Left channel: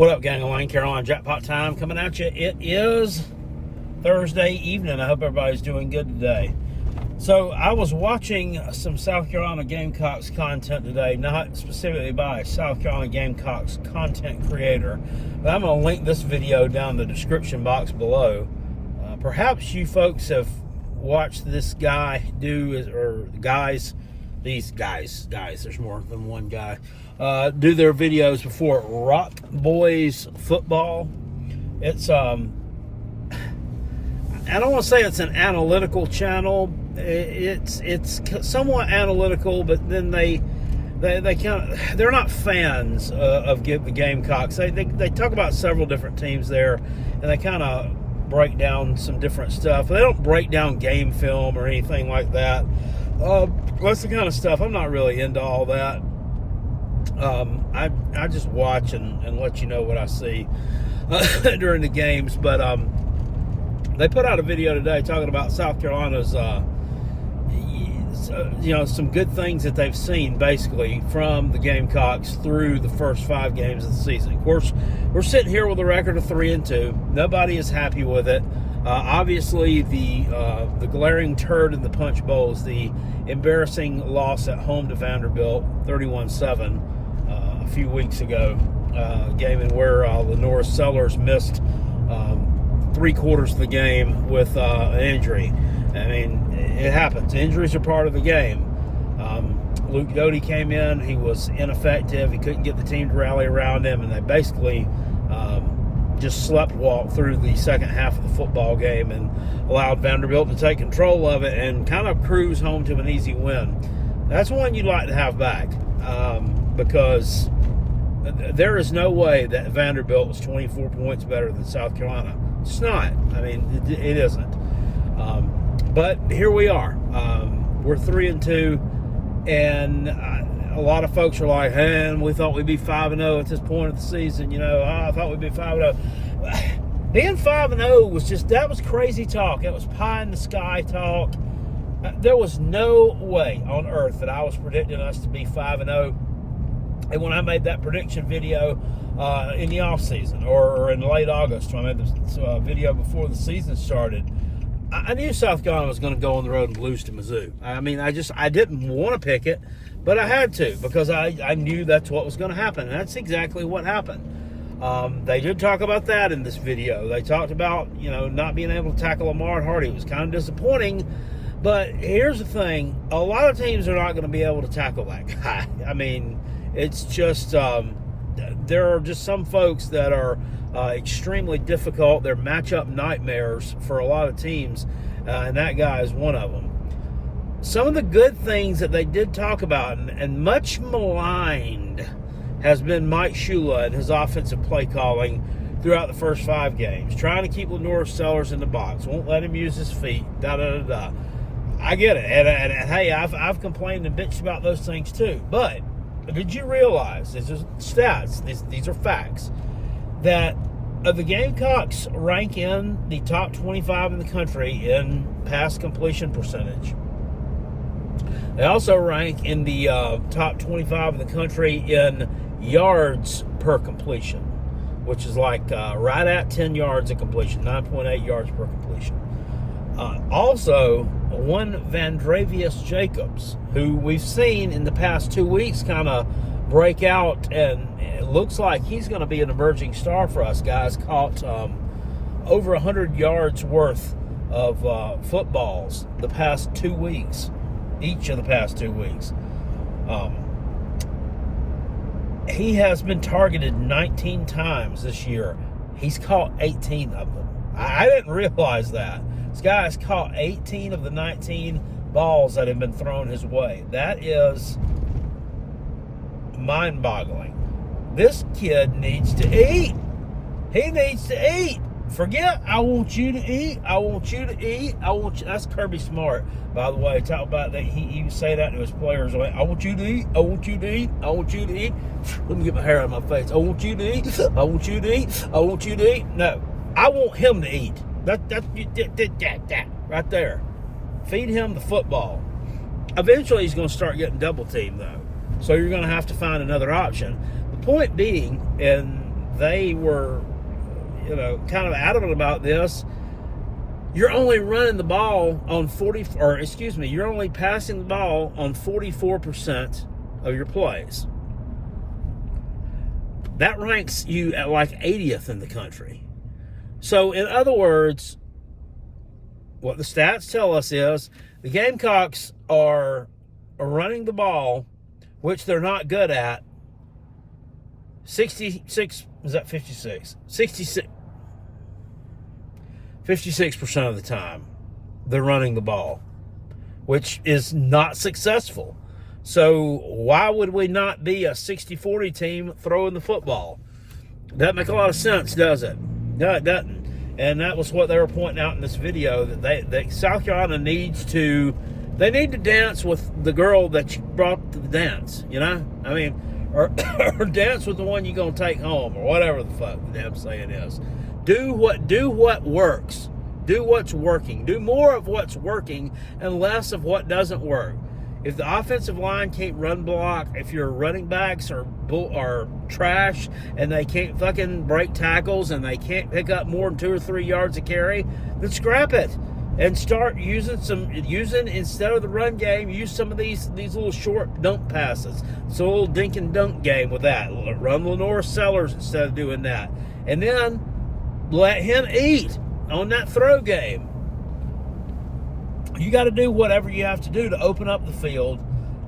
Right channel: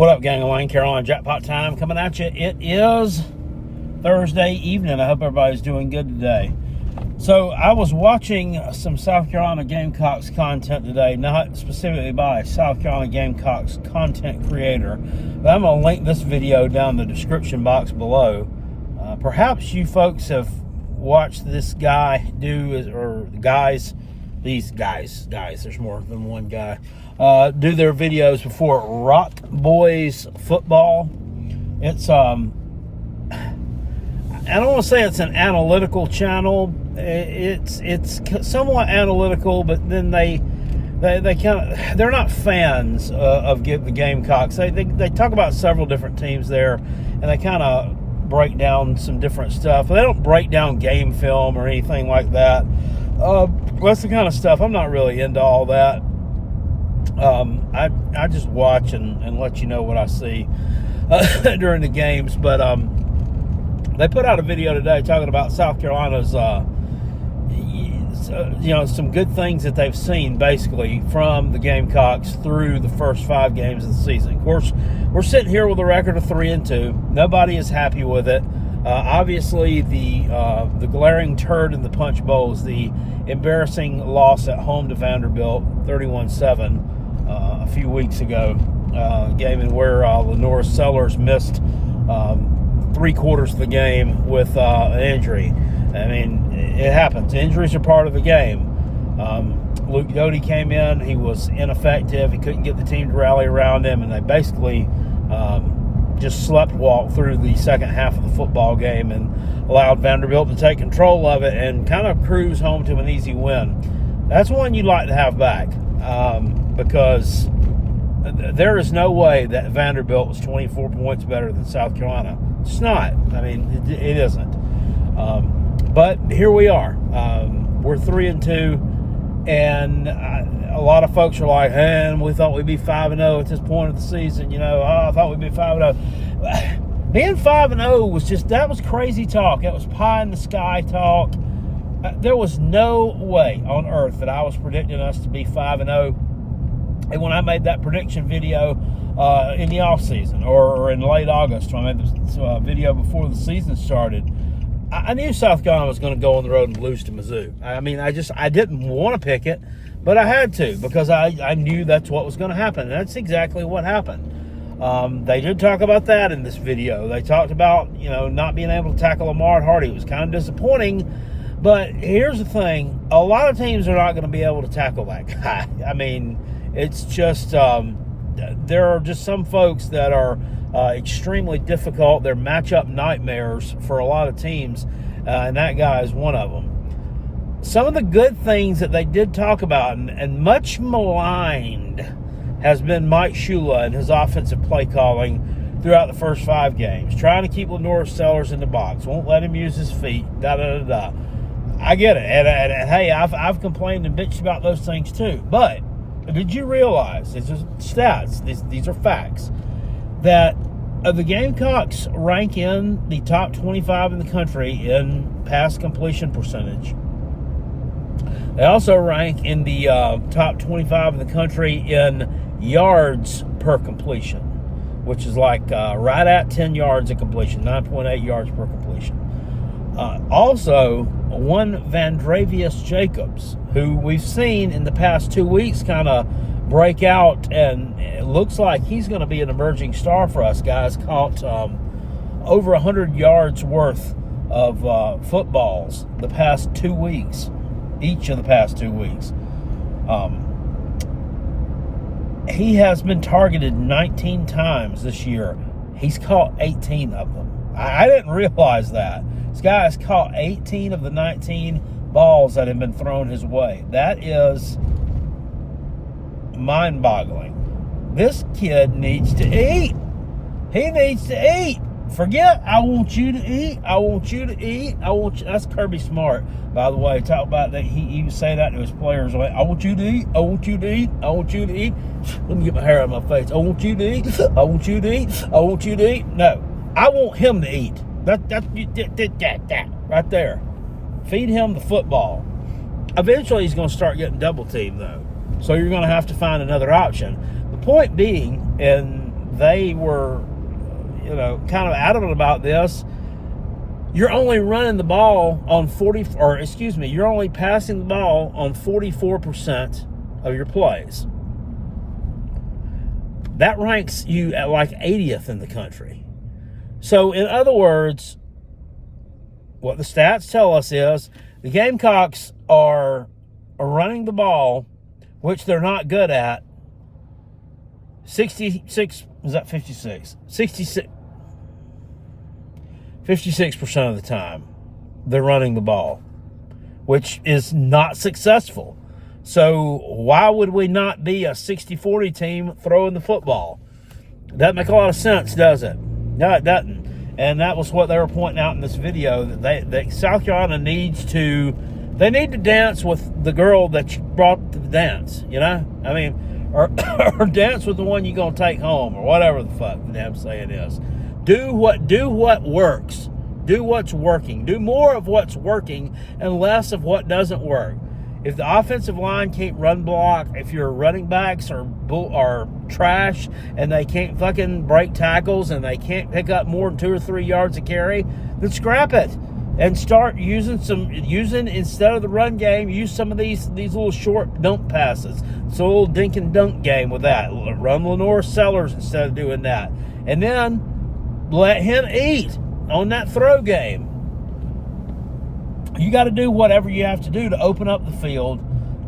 What up, gang of Wayne? Carolina Jackpot time coming at you. It is Thursday evening. I hope everybody's doing good today. So I was watching some South Carolina Gamecocks content today, not specifically by a South Carolina Gamecocks content creator, but I'm going to link this video down in the description box below. Perhaps you folks have watched this guy do, or guys, these guys, there's more than one guy, do their videos before. Rock Boys Football. It's I don't want to say it's an analytical channel. It's somewhat analytical, but then they kind of, they're not fans of the Gamecocks. They talk about several different teams there, and they kind of break down some different stuff. They don't break down game film or anything like that. That's the kind of stuff I'm not really into. All that. I just watch and let you know what I see during the games. But they put out a video today talking about South Carolina's some good things that they've seen basically from the Gamecocks through the first 5 games of the season. Of course, we're sitting here with a record of 3-2. Nobody is happy with it. Obviously, the glaring turd in the punch bowl is the embarrassing loss at home to Vanderbilt, 31-7, a few weeks ago. Game in where Lenore Sellers missed 3/4 of the game with an injury. I mean, it happens. Injuries are part of the game. Luke Doty came in. He was ineffective. He couldn't get the team to rally around him, and they basically just sleptwalked through the second half of the football game and allowed Vanderbilt to take control of it and kind of cruise home to an easy win. That's one you'd like to have back because there is no way that Vanderbilt was 24 points better than South Carolina. It's not. I mean, it isn't. But here we are. We're 3-2, and a lot of folks are like, "Hey, we thought we'd be 5-0 at this point of the season." I thought we'd be 5-0. Being 5-0 was crazy talk. It was pie in the sky talk. There was no way on earth that I was predicting us to be 5-0. And when I made that prediction video in the off season or in late August, when I made this video before the season started, I knew South Carolina was going to go on the road and lose to Mizzou. I mean, I didn't want to pick it, but I had to because I knew that's what was going to happen. And that's exactly what happened. They did talk about that in this video. They talked about, not being able to tackle Lamar Hardy. It was kind of disappointing, but here's the thing. A lot of teams are not going to be able to tackle that guy. I mean, it's just, there are just some folks that are extremely difficult. They're matchup nightmares for a lot of teams, and that guy is one of them. Some of the good things that they did talk about, and much maligned, has been Mike Shula and his offensive play calling throughout the first 5 games. Trying to keep Lenore Sellers in the box. Won't let him use his feet. Da-da-da-da. I get it. And hey, I've complained and bitched about those things too. But did you realize, these are stats, these are facts, that the Gamecocks rank in the top 25 in the country in pass completion percentage. They also rank in the top 25 in the country in yards per completion, which is like right at 10 yards a completion, 9.8 yards per completion. Also, one Vandravius Jacobs, who we've seen in the past 2 weeks kind of break out, and it looks like he's going to be an emerging star for us, guys. Caught over 100 yards worth of footballs the past 2 weeks, each of the past 2 weeks. He has been targeted 19 times this year. He's caught 18 of them. I didn't realize that. This guy has caught 18 of the 19 balls that have been thrown his way. That is mind-boggling. This kid needs to eat. He needs to eat. Forget, I want you to eat. I want you to eat. I want you. That's Kirby Smart, by the way. Talk about that. He would say that to his players. Like, I want you to eat. I want you to eat. I want you to eat. Let me get my hair out of my face. I want you to eat. I want you to eat. I want you to eat. No, I want him to eat. That right there. Feed him the football. Eventually, he's going to start getting double teamed, though. So you're going to have to find another option. The point being, and they were, kind of adamant about this. You're only running the ball on you're only passing the ball on 44% of your plays. That ranks you at like 80th in the country. So, in other words, what the stats tell us is the Gamecocks are running the ball, which they're not good at, 66 56% of the time they're running the ball, which is not successful. So why would we not be a 60-40 team throwing the football? Doesn't make a lot of sense, does it? No, it doesn't. And that was what they were pointing out in this video, that South Carolina needs to dance with the girl that you brought to the dance, I mean, or dance with the one you're going to take home, or whatever the fuck the damn saying is. Do what works. Do what's working. Do more of what's working and less of what doesn't work. If the offensive line can't run block, if your running backs are trash and they can't fucking break tackles and they can't pick up more than 2 or 3 yards a carry, then scrap it and start using instead of the run game, use some of these little short dunk passes. So a little dink and dunk game with that. Run Lenore Sellers instead of doing that. And then let him eat on that throw game. You got to do whatever you have to do to open up the field,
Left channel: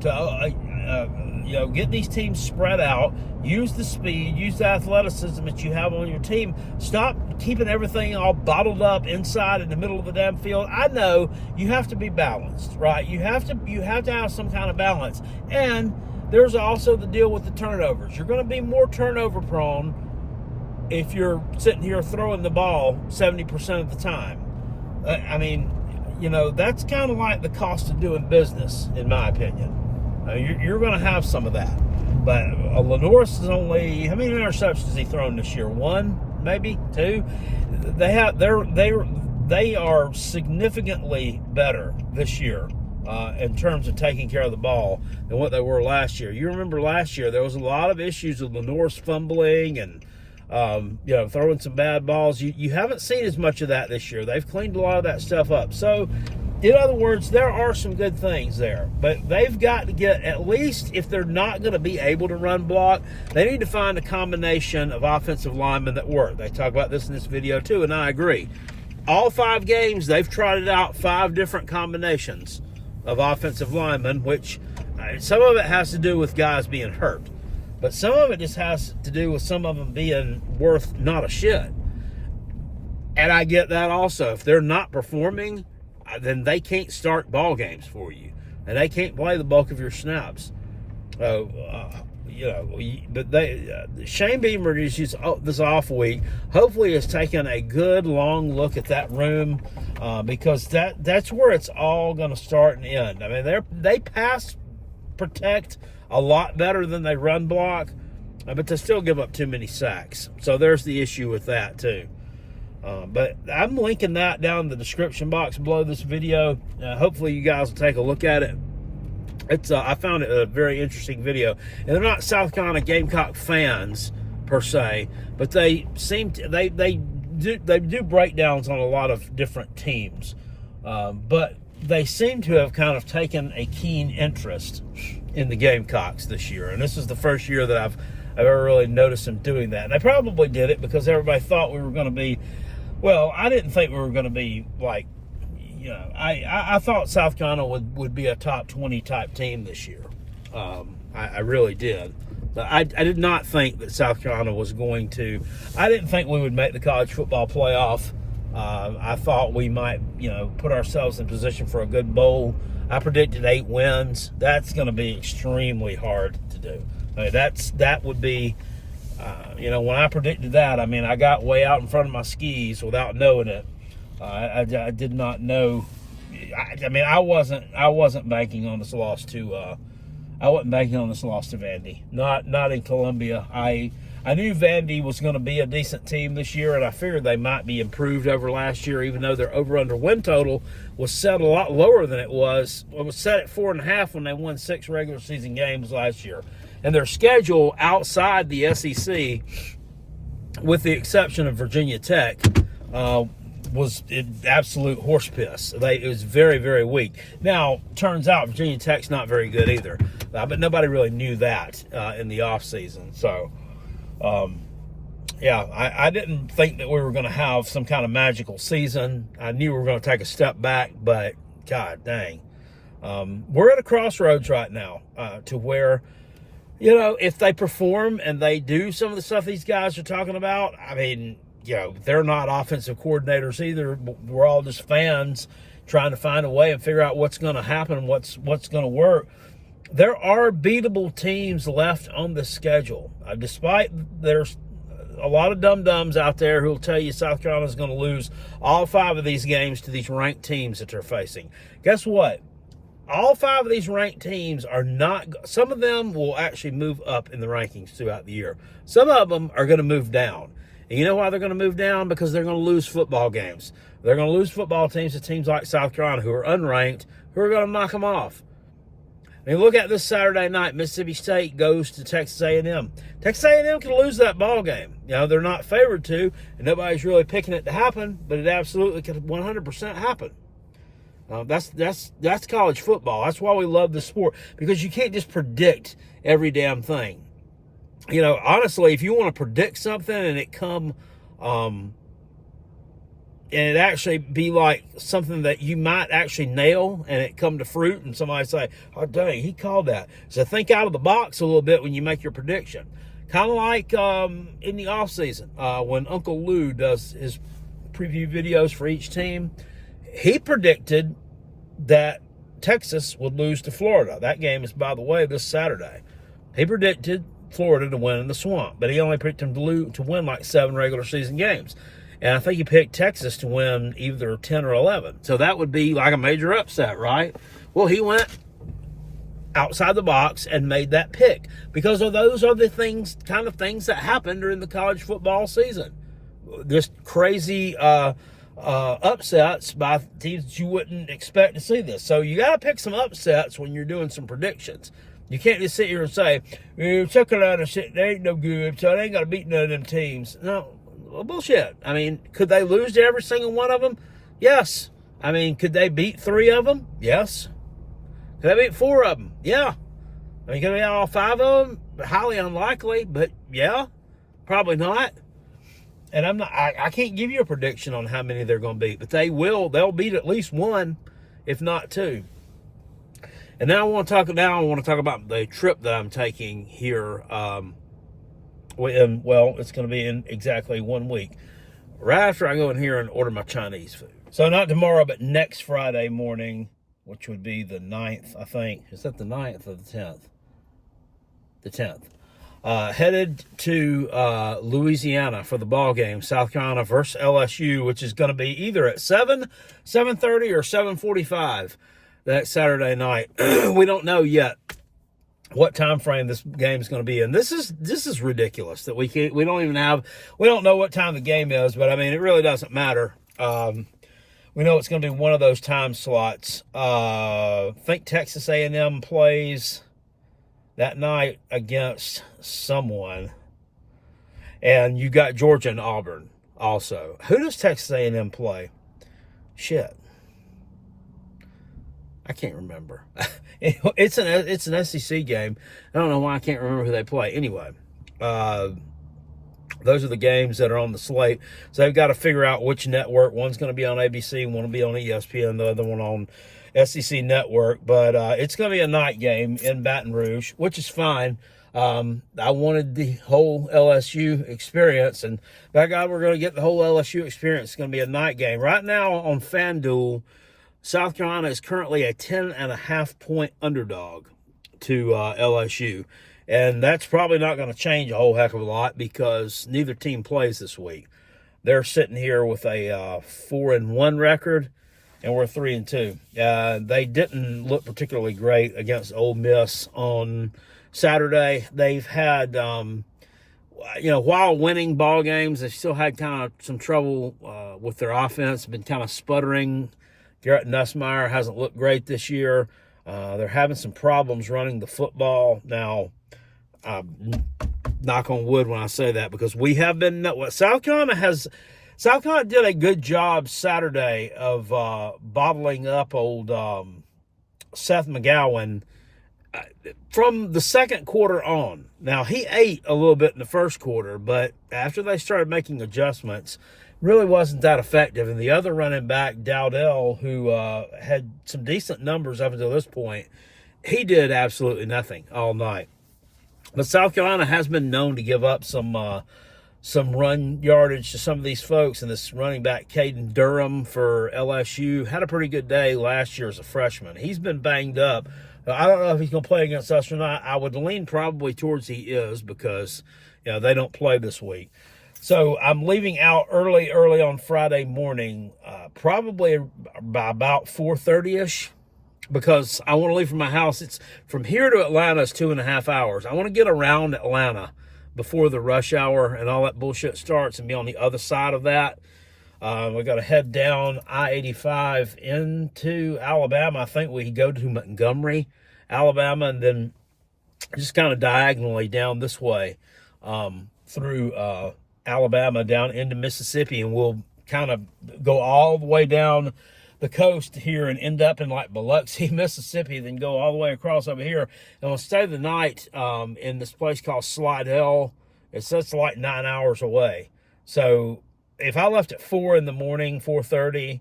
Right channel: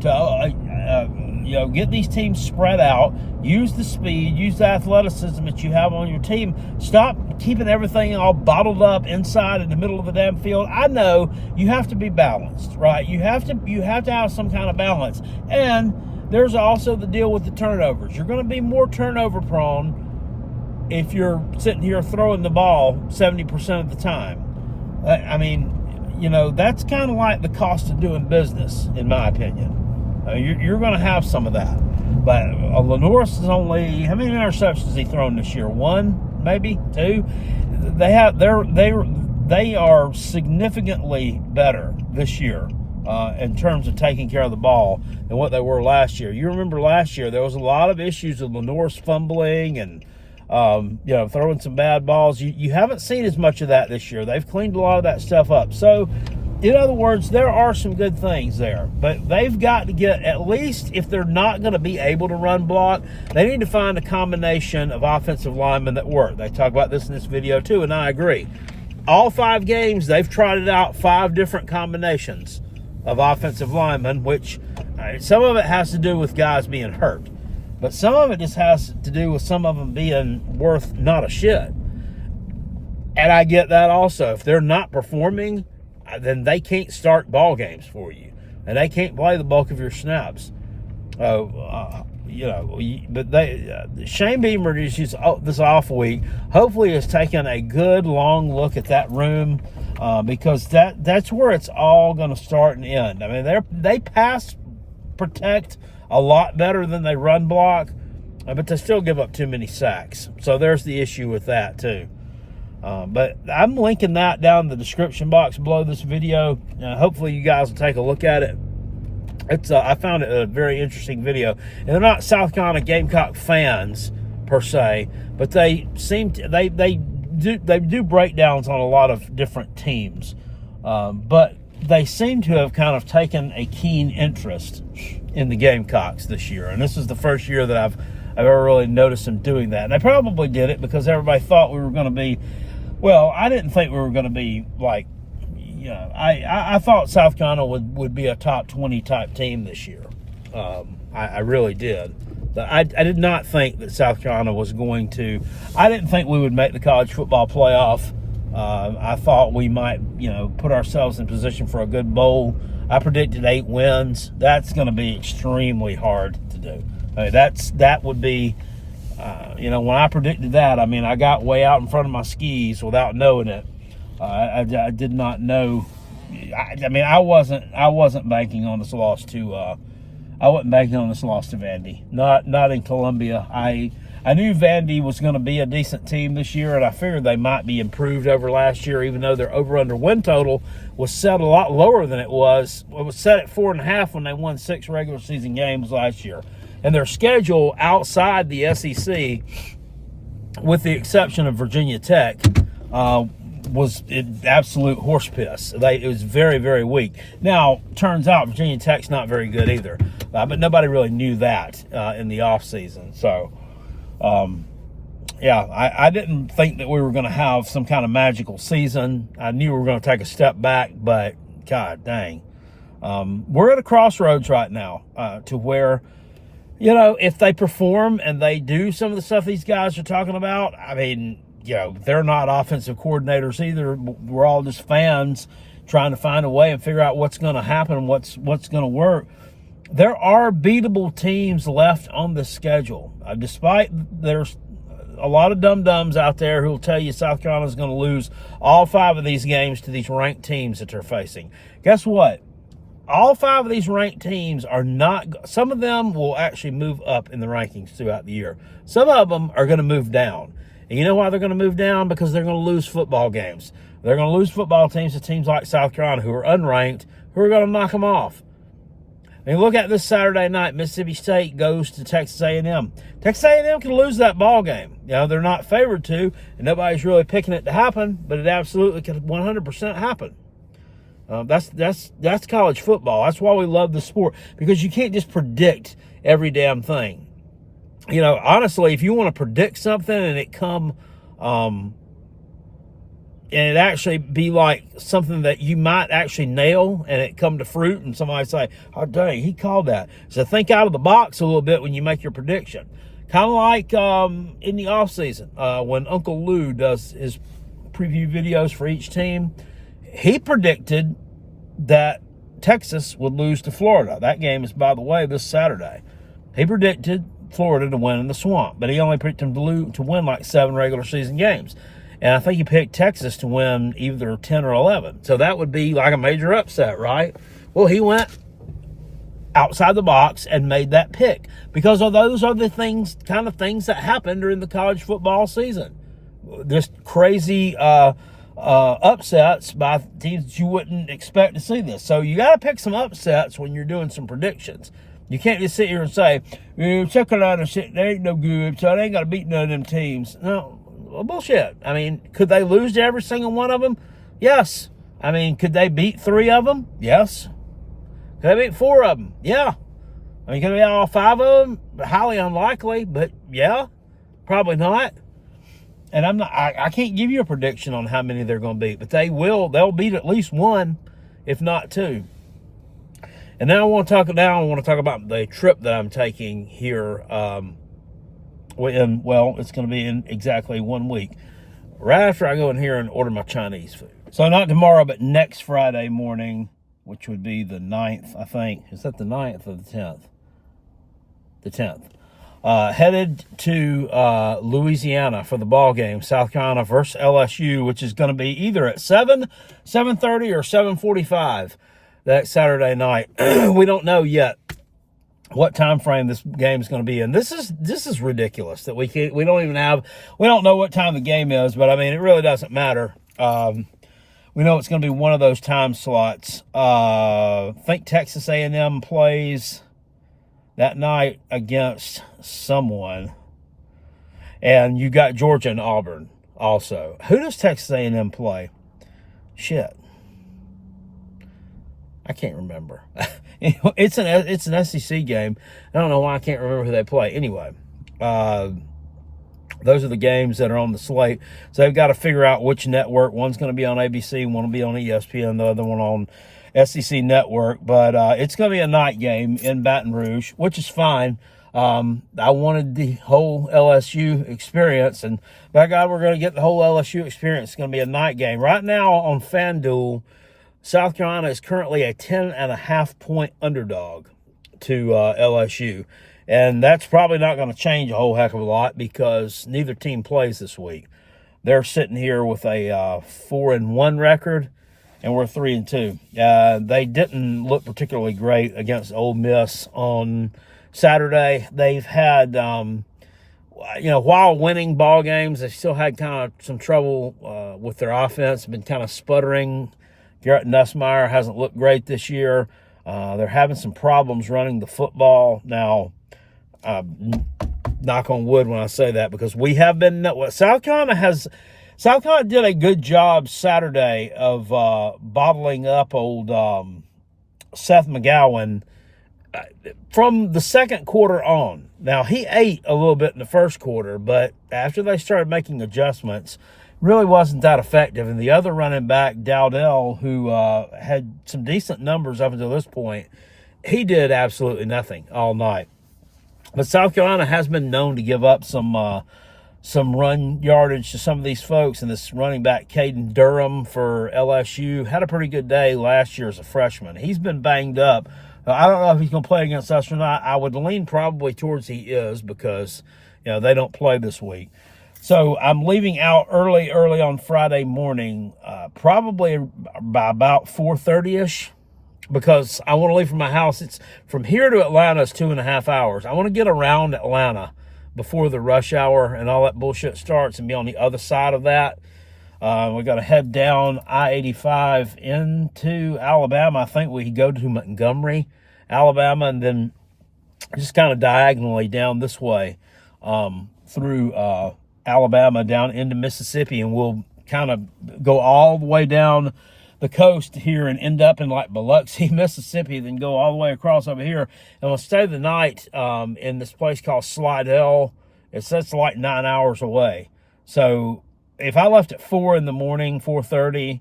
to get these teams spread out. Use the speed, use the athleticism that you have on your team. Stop keeping everything all bottled up inside in the middle of the damn field. I know you have to be balanced, right? You have to have some kind of balance. And there's also the deal with the turnovers. You're going to be more turnover prone if you're sitting here throwing the ball 70% of the time. I mean, that's kind of like the cost of doing business, in my opinion. You're going to have some of that. But Lenoris is only, how many interceptions has he thrown this year? 1, maybe 2. They are significantly better this year in terms of taking care of the ball than what they were last year. You remember last year there was a lot of issues with Lenoris fumbling and throwing some bad balls. You haven't seen as much of that this year. They've cleaned a lot of that stuff up. So, in other words, there are some good things there. But they've got to get, at least if they're not going to be able to run block, they need to find a combination of offensive linemen that work. They talk about this in this video too, and I agree. All 5 games, they've trotted out 5 different combinations of offensive linemen, which some of it has to do with guys being hurt. But some of it just has to do with some of them being worth not a shit. And I get that also. If they're not performing, then they can't start ball games for you. And they can't play the bulk of your snaps. But Shane Beamer this off week hopefully has taken a good long look at that room because that's where it's all going to start and end. I mean, they pass protect a lot better than they run block, but they still give up too many sacks. So there's the issue with that too. But I'm linking that down in the description box below this video. Hopefully you guys will take a look at it. I found it a very interesting video. And they're not South Carolina Gamecock fans per se, but they do breakdowns on a lot of different teams. But they seem to have kind of taken a keen interest in the Gamecocks this year. And this is the first year that I've ever really noticed them doing that. And they probably did it because everybody thought we were going to be, well, I didn't think we were going to be like, I thought South Carolina would be a top 20 type team this year. I really did. But I did not think that South Carolina was going to, I didn't think we would make the college football playoff. I thought we might, put ourselves in position for a good bowl. I predicted 8 wins. That's going to be extremely hard to do. I mean, that would be, when I predicted that, I mean, I got way out in front of my skis without knowing it. I did not know. I wasn't banking on this loss to. I wasn't banking on this loss to Vandy. Not in Columbia. I knew Vandy was going to be a decent team this year, and I figured they might be improved over last year, even though their over/under win total was set a lot lower than it was. It was set at 4.5 when they won 6 regular season games last year. And their schedule outside the SEC with the exception of Virginia Tech, was absolute horse piss. It was very, very weak. Now, turns out Virginia Tech's not very good either, but nobody really knew that in the offseason. So, yeah, I didn't think that we were going to have some kind of magical season. I knew we were going to take a step back, but God dang. We're at a crossroads right now to where, you know, if they perform and they do some of the stuff these guys are talking about, I mean, you know, they're not offensive coordinators either. We're all just fans trying to find a way and figure out what's going to happen, what's going to work. There are beatable teams left on the schedule, despite there's a lot of dum-dums out there who will tell you South Carolina's going to lose all 5 of these games to these ranked teams that they're facing. Guess what? All 5 of these ranked teams are not, some of them will actually move up in the rankings throughout the year. Some of them are going to move down. And you know why they're going to move down? Because they're going to lose football games. They're going to lose football teams to teams like South Carolina who are unranked, who are going to knock them off. I mean, look at this Saturday night. Mississippi State goes to Texas A&M. Texas A&M can lose that ball game. You know, they're not favored to, and nobody's really picking it to happen, but it absolutely can 100% happen. That's college football. That's why we love the sport, because you can't just predict every damn thing. You know, honestly, if you want to predict something and it come, and it actually be like something that you might actually nail and it come to fruit and somebody say, oh, dang, he called that. So think out of the box a little bit when you make your prediction. Kind of like in the offseason when Uncle Lou does his preview videos for each team. He predicted that Texas would lose to Florida. That game is, by the way, this Saturday. He predicted Florida to win in the Swamp, but he only picked them to win like 7 regular season games. And I think he picked Texas to win either 10 or 11. So that would be like a major upset, right? Well, he went outside the box and made that pick because of those are the kind of things that happen during the college football season. Just crazy upsets by teams that you wouldn't expect to see this. So you got to pick some upsets when you're doing some predictions. You can't just sit here and say, South Carolina, they ain't no good, so they ain't got to beat none of them teams. No, well, bullshit. I mean, could they lose to every single one of them? Yes. I mean, could they beat 3 of them? Yes. Could they beat 4 of them? Yeah. I mean, could they beat all 5 of them? Highly unlikely, but yeah, probably not. And I can't give you a prediction on how many they're going to beat, but they'll beat at least 1, if not 2. And now I want to talk about the trip that I'm taking here. It's going to be in exactly 1 week, right after I go in here and order my Chinese food. So not tomorrow, but next Friday morning, which would be the 9th, I think. Is that the 9th or the 10th? The 10th. Headed to Louisiana for the ball game, South Carolina versus LSU, which is going to be either at 7:30 or 7:45 that Saturday night. We don't know yet what time frame this game is going to be in. This is ridiculous that we don't know what time the game is, but I mean, it really doesn't matter. We know it's going to be one of those time slots. I think Texas A&M plays that night against someone, and you got Georgia and Auburn also. Who does Texas A&M play? Shit, I can't remember. It's an SEC game. I don't know why I can't remember who they play. Anyway, those are the games that are on the slate. So they've got to figure out which network. One's going to be on ABC, one will be on ESPN, the other one on SEC Network. But it's going to be a night game in Baton Rouge, which is fine. I wanted the whole LSU experience, and by God, we're going to get the whole LSU experience. It's going to be a night game. Right now on FanDuel, South Carolina is currently a 10.5-point underdog to LSU. And that's probably not going to change a whole heck of a lot because neither team plays this week. They're sitting here with a 4-1 record, and we're 3-2. They didn't look particularly great against Ole Miss on Saturday. They've had, while winning ball games, they still had kind of some trouble with their offense, been kind of sputtering. Garrett Nussmeier hasn't looked great this year. They're having some problems running the football. Now, knock on wood when I say that, because we have been, South Carolina did a good job Saturday of bottling up old Seth McGowan from the second quarter on. Now, he ate a little bit in the first quarter, but after they started making adjustments, really wasn't that effective. And the other running back, Dowdell, who had some decent numbers up until this point, he did absolutely nothing all night. But South Carolina has been known to give up some run yardage to some of these folks. And this running back, Caden Durham for LSU, had a pretty good day last year as a freshman. He's been banged up. I don't know if he's going to play against us or not. I would lean probably towards he is, because they don't play this week. So I'm leaving out early on Friday morning, probably by about 4:30ish, because I want to leave from my house. It's from here to Atlanta is 2.5 hours. I want to get around Atlanta before the rush hour and all that bullshit starts and be on the other side of that. We got to head down I-85 into Alabama. I think we go to Montgomery, Alabama, and then just kind of diagonally down this way through Alabama down into Mississippi, and we'll kind of go all the way down the coast here and end up in like Biloxi, Mississippi, then go all the way across over here. And we'll stay the night in this place called Slidell. It's like 9 hours away. So if I left at 4 in the morning, 4:30,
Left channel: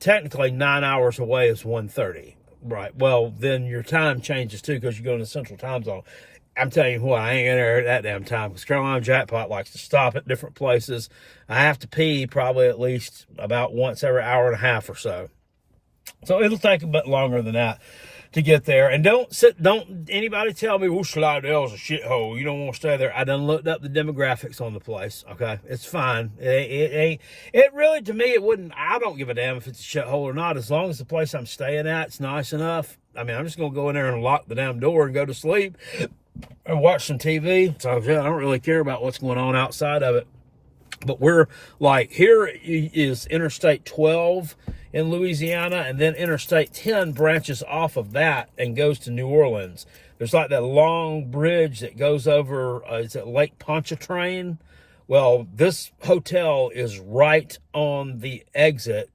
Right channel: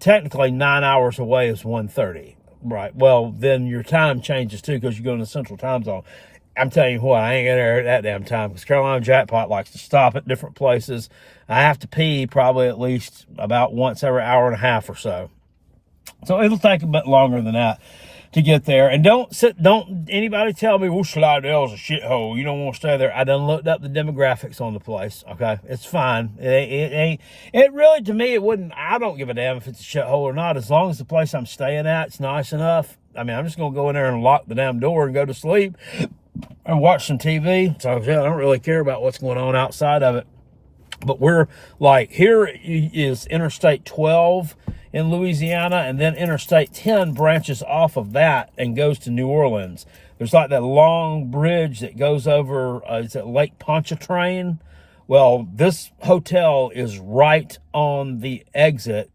technically 9 hours away is 1:30, right? Well, then your time changes too, because you go in the central time zone. I'm telling you what, I ain't in there at that damn time, because Carolina Jackpot likes to stop at different places. I have to pee probably at least about once every hour and a half or so. So it'll take a bit longer than that to get there. And don't anybody tell me, well, Slidell's a shithole, you don't want to stay there. I done looked up the demographics on the place, okay? It's fine. It really, to me, it wouldn't, I don't give a damn if it's a shithole or not, as long as the place I'm staying at, it's nice enough. I mean, I'm just going to go in there and lock the damn door and go to sleep and watch some TV. So, yeah, I don't really care about what's going on outside of it. But we're like, here is Interstate 12 in Louisiana, and then Interstate 10 branches off of that and goes to New Orleans. There's like that long bridge that goes over, is it Lake Pontchartrain? Well, this hotel is right on the exit,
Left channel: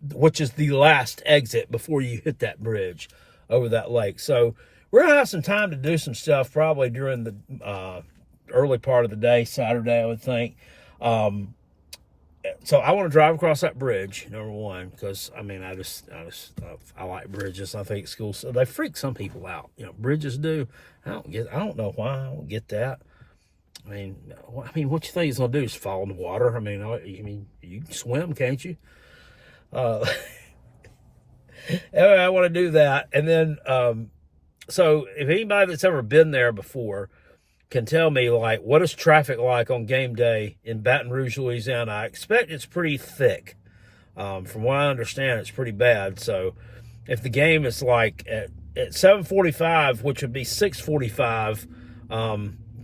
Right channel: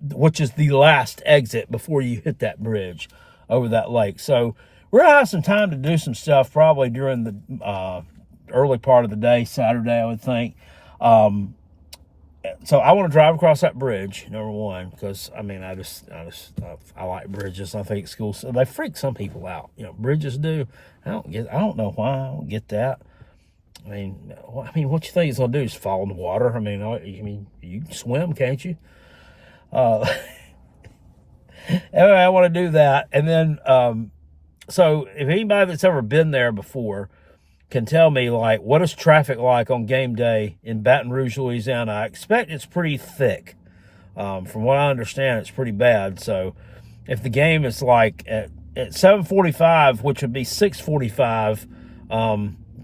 which is the last exit before you hit that bridge over that lake. So we're going to have some time to do some stuff probably during the early part of the day, Saturday, I would think. So I want to drive across that bridge, number one, because I mean, I like bridges. I think schools, they freak some people out. Bridges do. I don't know why. I don't get that. I mean, what you think it's gonna do is fall in the water? I mean, you can swim, can't you? Anyway, I want to do that, and then so if anybody that's ever been there before can tell me, like, what is traffic like on game day in Baton Rouge, Louisiana? I expect it's pretty thick. From what I understand, it's pretty bad. So if the game is like at 7:45, which would be 6:45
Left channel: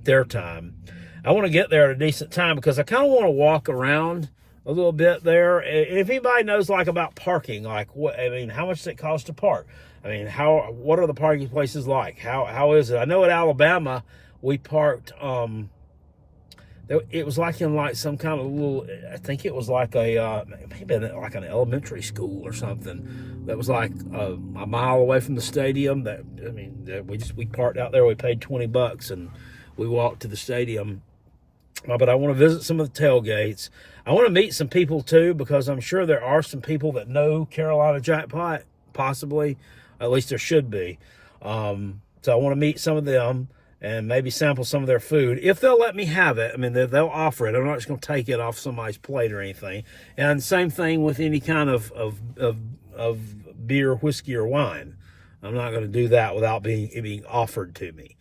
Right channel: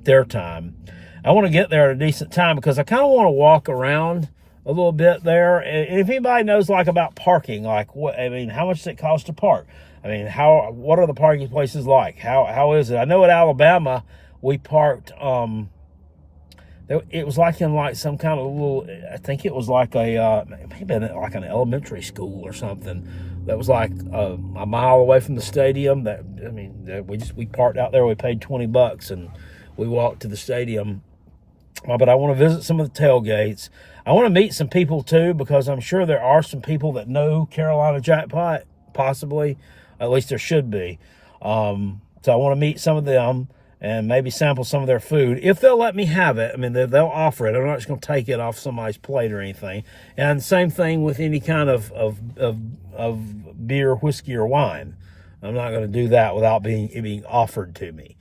their time, I want to get there at a decent time, because I kind of want to walk around a little bit there. And if anybody knows like about parking, like how much does it cost to park? What are the parking places like? How is it? I know at Alabama, we parked, it was like in like some kind of little, I think it was like maybe like an elementary school or something that was like a mile away from the stadium. We parked out there, we paid $20 and we walked to the stadium. But I want to visit some of the tailgates. I want to meet some people too, because I'm sure there are some people that know Carolina Jackpot, possibly. At least there should be. So I want to meet some of them and maybe sample some of their food, if they'll let me have it. I mean, they'll offer it. I'm not just going to take it off somebody's plate or anything. And same thing with any kind of beer, whiskey, or wine. I'm not going to do that without it being offered to me.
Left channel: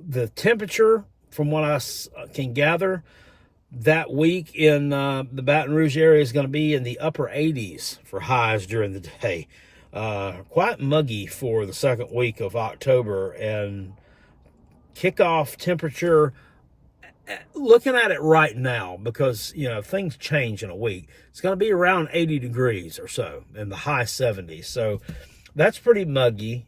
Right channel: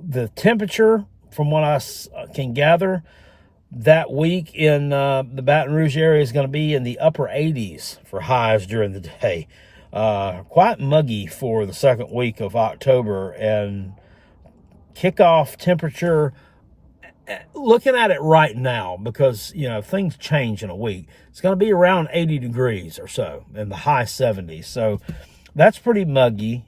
The temperature, from what I can gather, that week in the Baton Rouge area is going to be in the upper 80s for highs during the day. Quite muggy for the second week of October, and kickoff temperature, looking at it right now, because things change in a week, it's going to be around 80 degrees or so in the high 70s. So that's pretty muggy.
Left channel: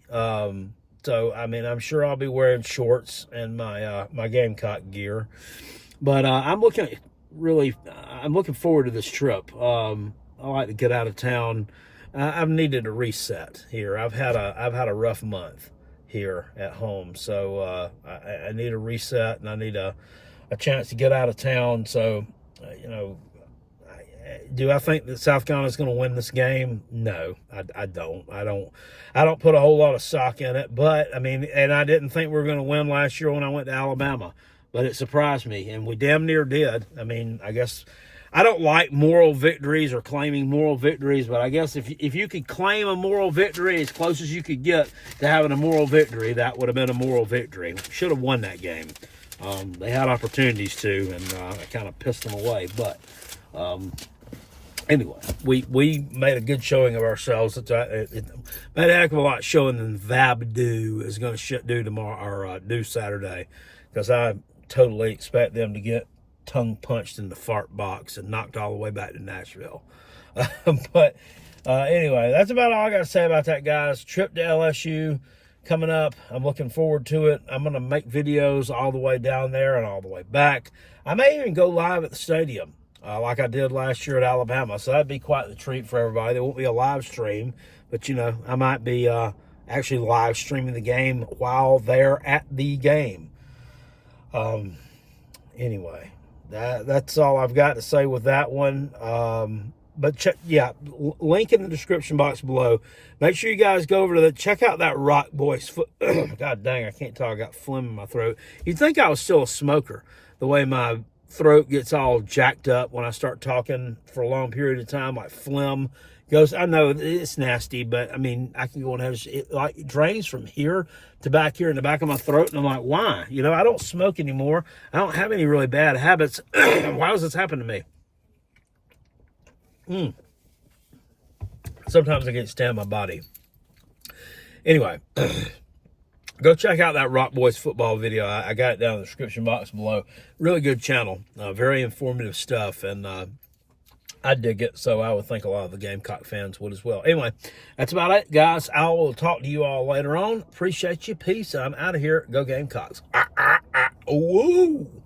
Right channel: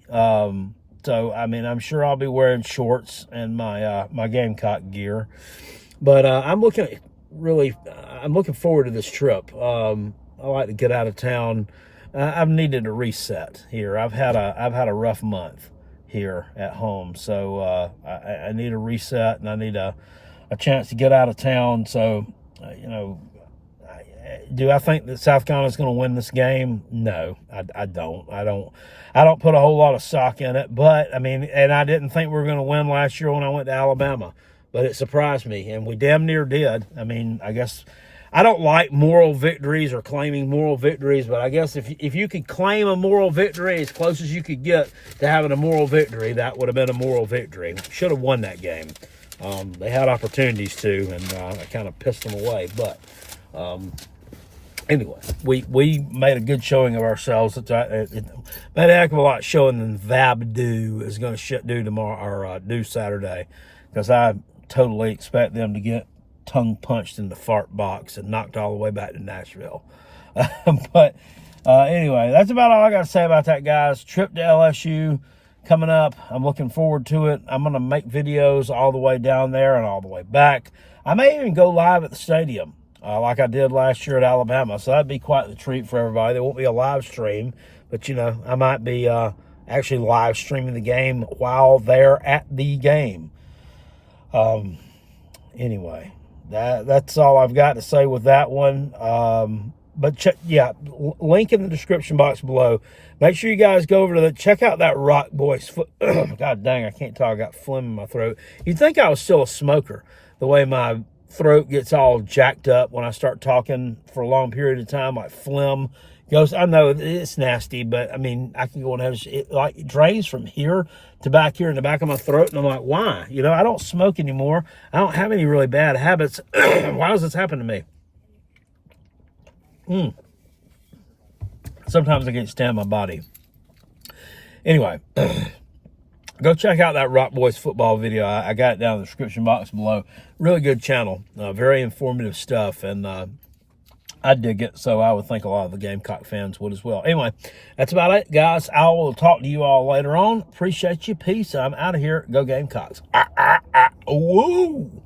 So, I mean, I'm sure I'll be wearing shorts and my Gamecock gear. But I'm looking forward to this trip. I like to get out of town. I've needed a reset here. I've had a rough month here at home, so I need a reset, and I need a chance to get out of town. So, do I think that South Carolina's going to win this game? No, I don't. I don't put a whole lot of stock in it. But I mean, and I didn't think we were going to win last year when I went to Alabama, but it surprised me, and we damn near did. I mean, I guess I don't like moral victories or claiming moral victories, but I guess if you could claim a moral victory as close as you could get to having a moral victory, that would have been a moral victory. Should have won that game. They had opportunities to, and I kind of pissed them away. But anyway, we made a good showing of ourselves. It made a heck of a lot showing than Vabdu is going to do tomorrow, or do Saturday, because I totally expect them to get tongue punched in the fart box and knocked all the way back to Nashville. But anyway, that's about all I got to say about that, guys. Trip to LSU coming up. I'm looking forward to it. I'm going to make videos all the way down there and all the way back. I may even go live at the stadium like I did last year at Alabama. So that'd be quite the treat for everybody. There won't be a live stream, but, I might be actually live streaming the game while they're at the game. Anyway, that's all I've got to say with that one. But link in the description box below. Make sure you guys go over to check out that Rock Boys foot. God dang, I can't talk. I got phlegm in my throat. You'd think I was still a smoker, the way my throat gets all jacked up when I start talking for a long period of time, like phlegm goes. I know it's nasty, but I mean, I can go and have it drains from here to back here in the back of my throat, and I'm like, why? I don't smoke anymore. I don't have any really bad habits. Why does this happen to me? Sometimes I can't stand my body. Anyway, go check out that Rock Boys football video. I got it down in the description box below. Really good channel. Very informative stuff, and I dig it, so I would think a lot of the Gamecock fans would as well. Anyway, that's about it, guys. I will talk to you all later on. Appreciate you. Peace. I'm out of here. Go Gamecocks. Woo!